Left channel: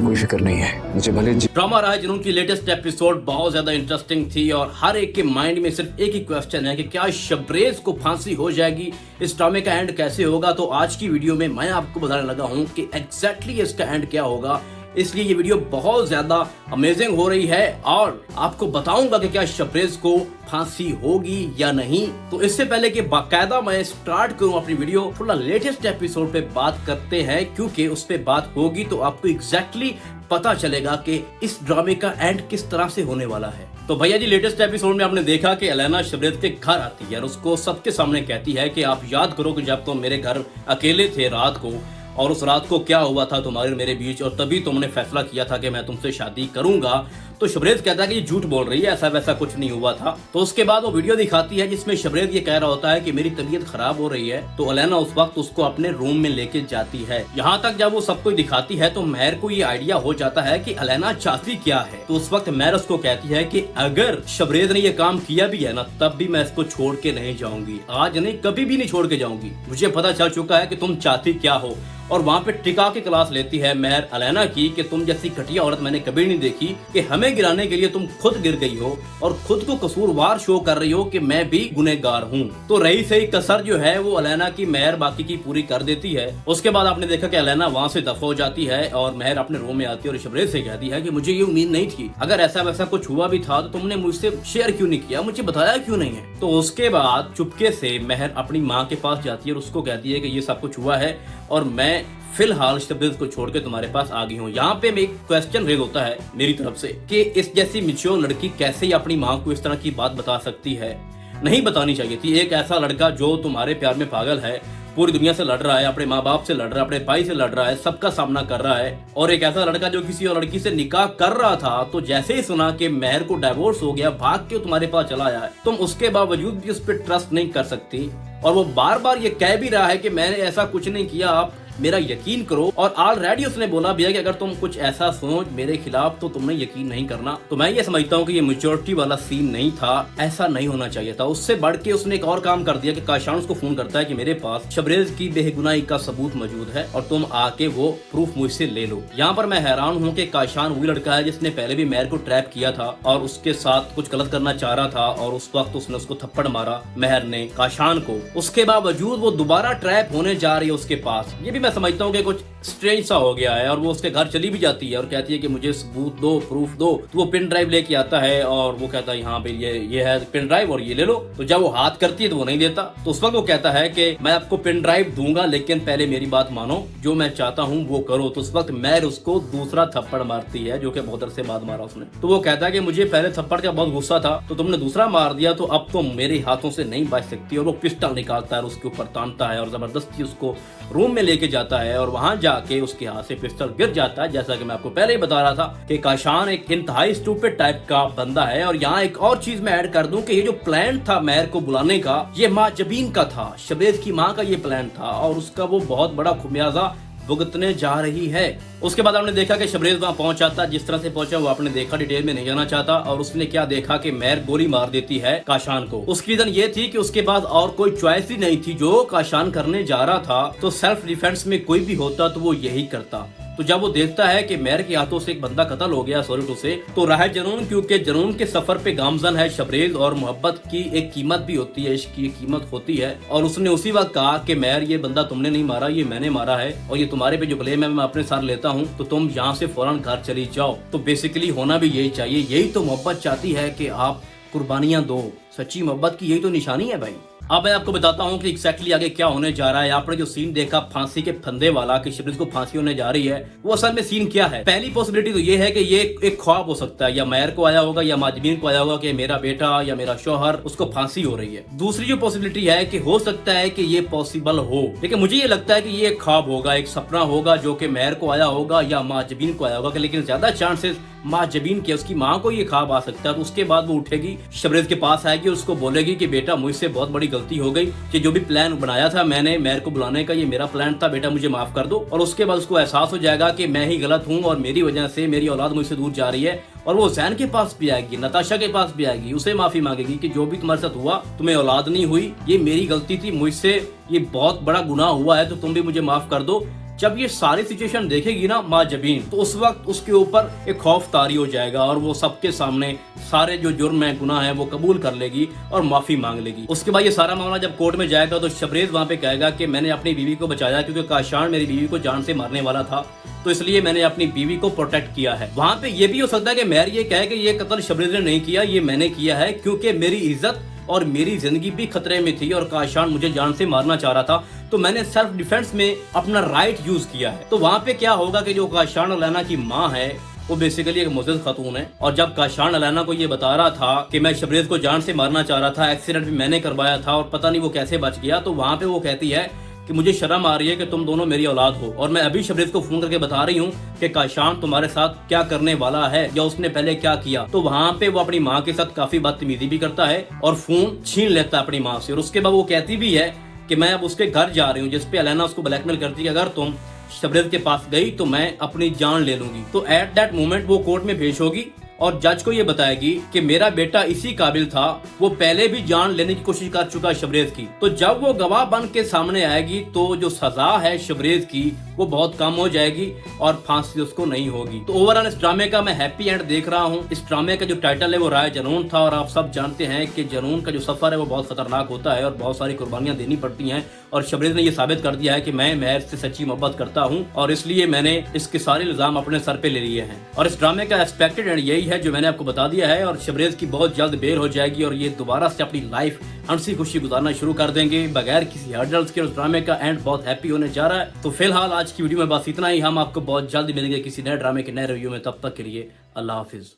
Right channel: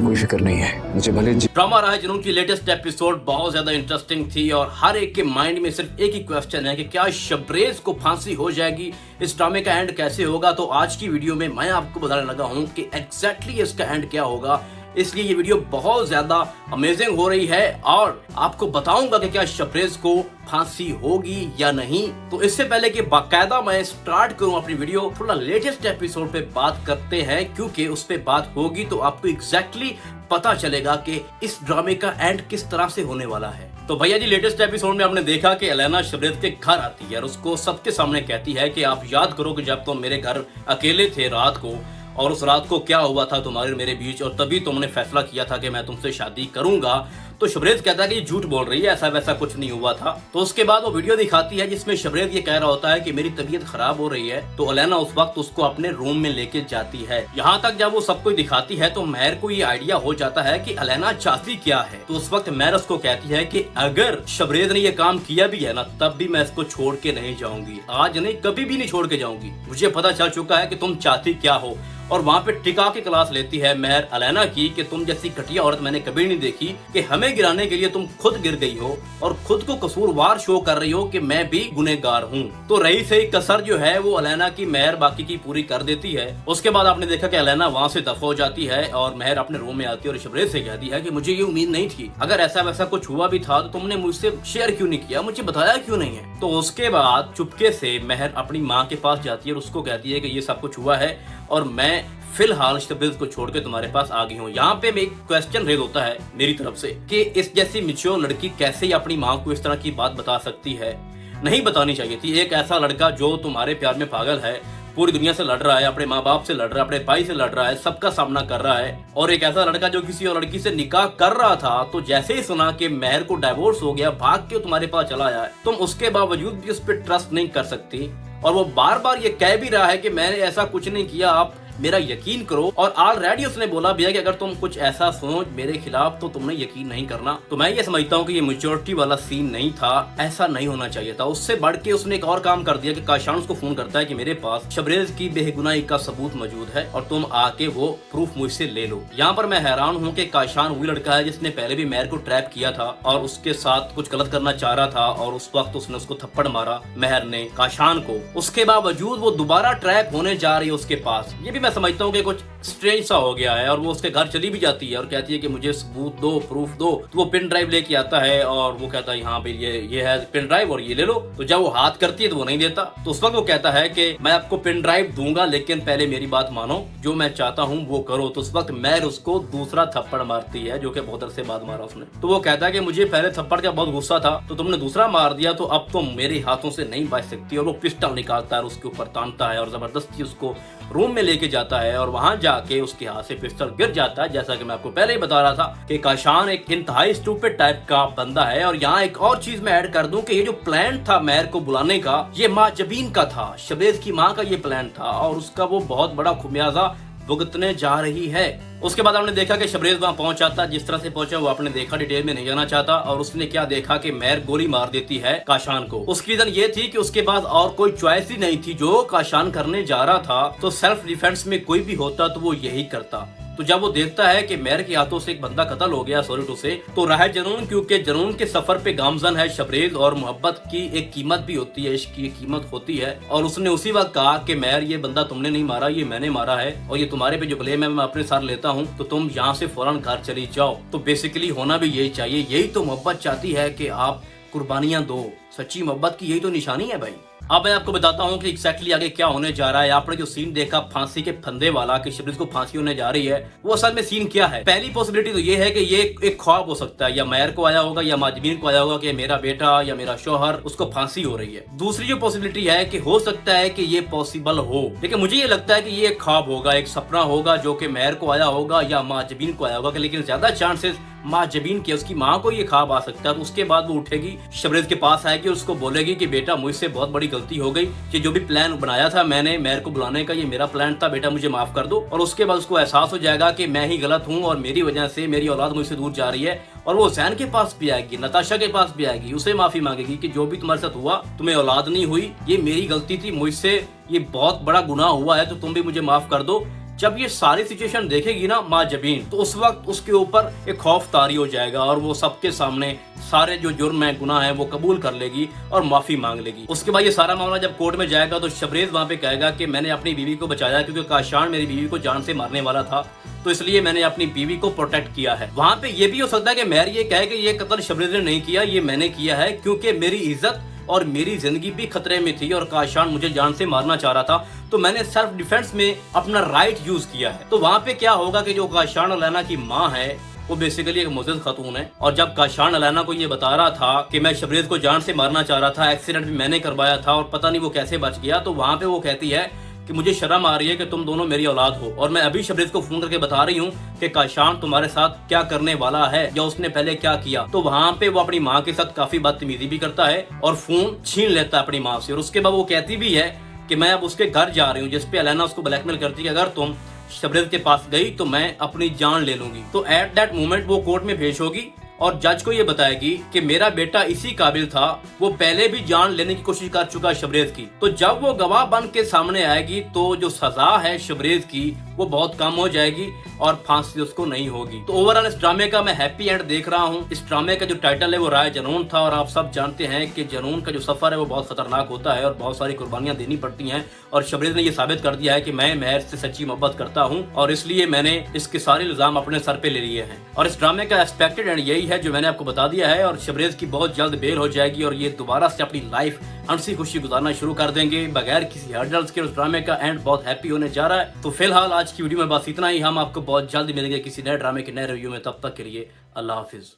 कोई फिक्र नहीं है मुझे, भले ड्रामा राह जुनून की लेटेस्ट एपिसोड बहुत ज्यादा इंटरेस्टिंग थी और हर एक के माइंड में सिर्फ एक ही क्वेश्चन है कि क्या शबरेज को फांसी हो जाएगी, इस ड्रामे का एंड कैसे होगा। तो आज की वीडियो में मैं आपको बताने लगा हूं कि एग्जैक्टली इसका एंड क्या होगा। इसलिए ये वीडियो बहुत ज्यादा अमेजिंग हो रही है और आपको बताऊंगा कि क्या शबरेज को फांसी होगी या नहीं। तो इससे पहले कि बाकायदा मैं स्टार्ट करूं अपनी वीडियो, थोड़ा लेटेस्ट एपिसोड पे बात करते हैं, क्योंकि उस पे बात होगी तो आपको एग्जैक्टली पता चलेगा कि इस ड्रामे का एंड किस तरह से होने वाला है। तो भैया जी, लेटेस्ट एपिसोड में आपने देखा कि एलेना शबरेज के घर आती है और उसको सबके सामने कहती है कि आप याद करो कि जब तुम मेरे घर अकेले थे रात को, और उस रात को क्या हुआ था तुम्हारे और मेरे बीच, और तभी तुमने फैसला किया था कि मैं तुमसे शादी करूंगा। तो शबरेज कहता है कि झूठ बोल रही है, ऐसा वैसा कुछ नहीं हुआ था। तो उसके बाद वो वीडियो दिखाती है जिसमें शबरेज ये कह रहा होता है कि मेरी तबीयत खराब हो रही है। तो एलेना उस वक्त उसको अपने रूम में लेके जाती है। यहाँ तक जब वो सब कुछ दिखाती है तो महर को ये आइडिया हो जाता है कि एलेना चाहती क्या है। तो उस वक्त महर उसको कहती है कि अगर शबरेज ने ये काम किया भी है ना, तब भी मैं इसको छोड़ के नहीं जाऊंगी, आज नहीं कभी भी नहीं छोड़ के जाऊंगी। मुझे पता चल चुका है कि तुम चाहती क्या हो। और वहाँ पे टिका के क्लास लेती है महर एलेना की कि तुम जैसी घटिया औरत मैंने कभी नहीं देखी, कि हमें गिराने के लिए तुम खुद गिर गई हो और खुद को कसूरवार शो कर रही हो कि मैं भी गुनहगार हूँ। तो रही सही कसर जो है वो एलेना की महर बाकी की पूरी कर देती है। उसके बाद आपने देखा कि एलेना वहाँ से दफा हो जाती है और महर अपने रूम में आती है और शबरेज से कहती है कि मुझे ये उम्मीद नहीं थी, अगर ऐसा वैसा कुछ हुआ भी था तो तुमने मुझसे शेयर क्यों नहीं किया, मुझे बताया क्यों नहीं है। तो उसके बाद चुपके से महर अपनी माँ के पास जाती है और उसको कहती है कि ये सब कुछ हुआ है और मैं फिलहाल शबरेज को छोड़ के तुम्हारे पास आ गई हूँ। यहाँ पे एक क्वेश्चन रेज होता है मेरी तरफ से कि इस जैसी मिच्योर लड़की कैसे ही अपनी माँ को इस तरह की बात बता सकती है। नहीं बतानी चाहिए थी। एक ऐसा लड़का जो तुम्हारे प्यार में पागल है, पूरी दुनिया से लड़ रहा है, अपने माँ बाप से लड़ रहा है, अपने भाई से लड़ रहा है, सबका सामना कर रहा है, और एक ऐसा लड़का जो किसी और लड़की से निकाह कर रहा था, तो जैसे ही सुना कि महर को डाइवोर्स हो गया, भाग के तुम्हारे पास चला आया है, तुम उसके बावजूद भी उस पर ट्रस्ट नहीं कर सकती। और वो बार बार ये कह भी रहा है कि मैंने ऐसा कुछ नहीं किया, आप मेरा यकीन करो। और ऑलरेडी उसने बोला भी है कि अगर तुम कुछ ऐसा सुनो मेरे खिलाफ तो तुमने यकीन नहीं करना। तो मैं ये समझता हूँ कि ये मैच्योरिटी वाला सीन नहीं था, ऐसा नहीं होना चाहिए था। उससे बढ़ के उसने एक और काम कर दिया कि काशान उसको फोन करता है कि मेरे पास शबरेज की बेगुनाही का सबूत मौजूद है और तुम आके वो प्रूफ मुझसे ले लो। यहाँ पर मैं हैरान हूँ कि काशान वही लड़का है जिसने पहले भी महर को ट्रैप किया था और उसके साथ कुछ गलत करना चाह रहा था, और उस वक्त उसने उसको थप्पड़ मारा महर ने काशान को। उसके बावजूद वो दोबारा ट्रैप होने जा रही है उसके पास। ये भी मैं समझता हूँ कि कुछ स्ट्रेंज सा हो गया है। और वो उसके घर चली भी जाती है और कहती है कि मुझे सबूत दो, प्रूफ दो। तो वो पेन ड्राइव लेके आता है और वो कहता है यहाँ पे ये है पेन ड्राइव और ये ले लो। तो जब वो हाथ करती है तो वो नहीं देता। तो उस वक्त वो कहता है कि मैं आपको पेन ड्राइव दूंगा लेकिन पहले मेरी बात मानो, जो मैं चाहता हूँ वो करो। तो उस वक्त महर उसको दूसरा थप्पड़ मारती है, जो कि बहुत देर से बाद मारा उसने। तो वो कहता है कि मुझे पहले थप्पड़ का बहुत गुस्सा था, तो तुमने दूसरा मार दिया, तो अब तो मेरे हाथों से नहीं बच सकती। और वो पिस्टल निकालता है और उसके ऊपर तानता है और जबरदस्ती उसको रूम में लेके जाता है और वहां जाके उसके हाथ से पिस्टल गिर जाता है। जैसा कि मैं आपको पहले ही बता रहा था कि काशान एक इंतहाई स्टूपिड टाइप का बंदा है। और यहाँ एक और चीज मैं ऐड कर दूं कि ये जो प्लान था महर को बुलाने का, ये माँ जबीन का था, शबरेज की माँ का ये प्लान था, और उसका वो बहुत बड़ा खुमियाजा भुगतने जा रही है। उसके बाद आपने देखा कि शबरेज वहां पहुंचा था, जिस तरह से पहुंचा वो आपने देखा, डिटेल में नहीं जाना चाहता। और उसने क्या देखा कि महर गोली मार देती है काशान को। उसकी रीजन ये थी कि उसके पास और कोई चॉइस ही नहीं थी। जो काशान करने जा रहा था तो सेल्फ डिफेंस में कोई भी होता तो वो यही करता। तो जब वो देखता है कि महर के हाथों से एक बंदा कत्ल हो गया सॉरी टू से, तो राह जुनून, क्योंकि जुनून के सफर पे गामजन है शबरेज, और मोहब्बत की एक कीमत भी होती है, इश्क की कीमत होती है। और उसने उसी वक्त कहा कि महर ये बंदा तुमने नहीं मारा, ये मैंने मारा है, और ये तुम्हारे पे जो ब्लेम है मैं अपने साथ लेता हूँ, तो तुम यहाँ से फौरन घर चली जाओ। तो बेसिकली होना भी यही चाहिए। यही तो मोहब्बत चाहती है कि आप कुर्बानियां दो। सच्ची मोहब्बत की यही तो निशानी है भाई। अब मैं आपको बताता हूँ कि एक्जैक्टली आगे क्या होने जा रहा है। आपने जो सीन देखा फांसी के फंदे वाला कि शबरेज को फांसी होने जा रही है, वो असल में सीन क्या है। पहली पॉसिबिलिटी तो ये है कि ये एक ख्वाब हो सकता है, या महर को आया होगा या माजबीन को आया होगा कि मेरा बेटा या मेरा शौहर उसको फांसी हो रही है। दूसरी जो पॉसिबिलिटी है कि हो सकता है कि ये पॉसिबल हो, लेकिन मुझे ये लगता है कि ये एक ख्वाब होगा, एक सपना होगा जो कि महर को आया होगा या माजबीन को आया होगा। लेकिन ज्यादा चांसेस माँ जबीन के, उसकी माँ को ये ख्वाब आ सकता है। तो उसके बाद वो उठेगी, शबरेज के पास आएगी, उसको बोलेगी कि बेटा मुझसे बहुत बड़ी गलती हो गई, कि जो भी प्लान बनाया था मैंने महर को बुलाने का, ये मेरा प्लान था, बेटा मुझे माफ कर दो। और उसके बाद उसको एहसास हो जाएगा कि मैं ही गलत हूँ और मेरी वजह से मेरी औलाद मुझसे दूर जा रही है। और वो जैन के पास भी आएगी, नताशा के पास भी आएगी, उसे माफी मांगेगी कि जो भी तुम्हारे साथ हुआ, तुम्हें औलाद नहीं हुई, ये मेरी गलती थी, मुझसे ये बहुत बड़ा गुनाह हुआ है, तो तुम भी मुझे माफ कर दो। जब ये सारी सिचुएशन देखेगी ना माँ जबीन, तो उस वक्त उसके ऊपर एक खौफ तारी हो जाएगा और वो सबके सामने सारे जो जुर्म है, गुनाह है, वो कबूल कर लेगी और माफी मांग लेगी। उसके बाद ये सारा मामला जब कोर्ट में जाएगा तो शबरेज वहाँ पे कहेगा कि मैंने अपनी बीवी को बचाया क्योंकि काशान मेरी बीवी को जान से मारने वाला था, तो इसलिए मैंने अपनी बीवी को प्रोटेक्ट किया है। वहाँ पे ये भी हो सकता है कि मेहर ये कहे कि ये कत्ल शबरेज ने नहीं किया, ये मैंने किया है क्योंकि मेरी इज्जत और मेरी जिंदगी भी खतरे में थी और काशान मुझे जान से मारना चाह रहा था, तो मैंने सेल्फ डिफेंस में अपना राइट यूज किया है। तो वहाँ पे क्या होगा कि जो काशान और लैला की माँ है वो बेसिकली एक मुजरिम खातून है, और जब काशान अलाना को ये बता रहा था कि मैं शबरेज को जान से मारना चाह रहा था, एक्सीडेंट भी मैंने करवाया था और पता नहीं वो कैसे बच गया, तो वहाँ पे वो कहती है कि मुझे शर्म आ रही है कि तुम दोनों मेरी औलाद हो और मैं अभी शबरेज को फोन करके बता रही हूँ कि काशान तुम्हारे साथ क्या करने वाला है या उसने पहले क्या किया। तो वहाँ पे वो अपनी माँ के साथ काफी बदतमीजी भी करता है और फोन छीन लेता है अपनी माँ से, और उसके बाद वो कहती भी है कि मैं अब उसके घर जा रही हूँ, जिसपे अलाना उसको ब्लैकमेल करती है अगर तुम शबरेज के पास गई तो मैं अपनी जान ले लूंगी। तो एट दैट मोमेंट वो कोर्ट में पेश होगी और जज को ये बताएगी कि मेरा बेटा इसी काबिल था, वो पहले भी जान लेने की कोशिश कर चुका है शबरेज की। तो जब वो गवाह बन के सामने आएगी तो जो सजा है शबरेज की वो बहुत कम हो जाएगी और फांसी उसको नहीं होगी। तो ओवरऑल इस ड्रामे का मैं हैप्पी एंड देख रहा हूँ। इस ड्रामे का जो टाइटल है वो राय जनून था, और आप सब जानते हैं कि जनून का जो सफर है वो बहुत खतरनाक होता है और बहुत सारी कुर्बानियां देनी पड़ती हैं, और शबरेज ने ये साबित कर दिया है कि मैं मेहर से सच्ची मोहब्बत करता हूँ और इसलिए मैंने इसके सारे इल्जाम अपने सर पे ले लिए हैं। और इस ड्रामे का एक्सपेक्टेड एंड यही है जो मैंने आपको बता दिया है, और शबरेज की बहुत जल्द बेल हो जाएगी और ये दोबारा से अपनी लाइफ हंसी खुशी गुजारना शुरू कर देंगे बगैर किसी हर्डल्स के। उस ड्रामे का एंड बहुत हैप्पी होने जा रहा है। तो फिलहाल आज की वीडियो में बस इतना ही। हम आपको बहुत जल्द मिलेंगे किसी नए ड्रामे के नए रिव्यू में, तब तक के लिए अल्लाह हाफिज।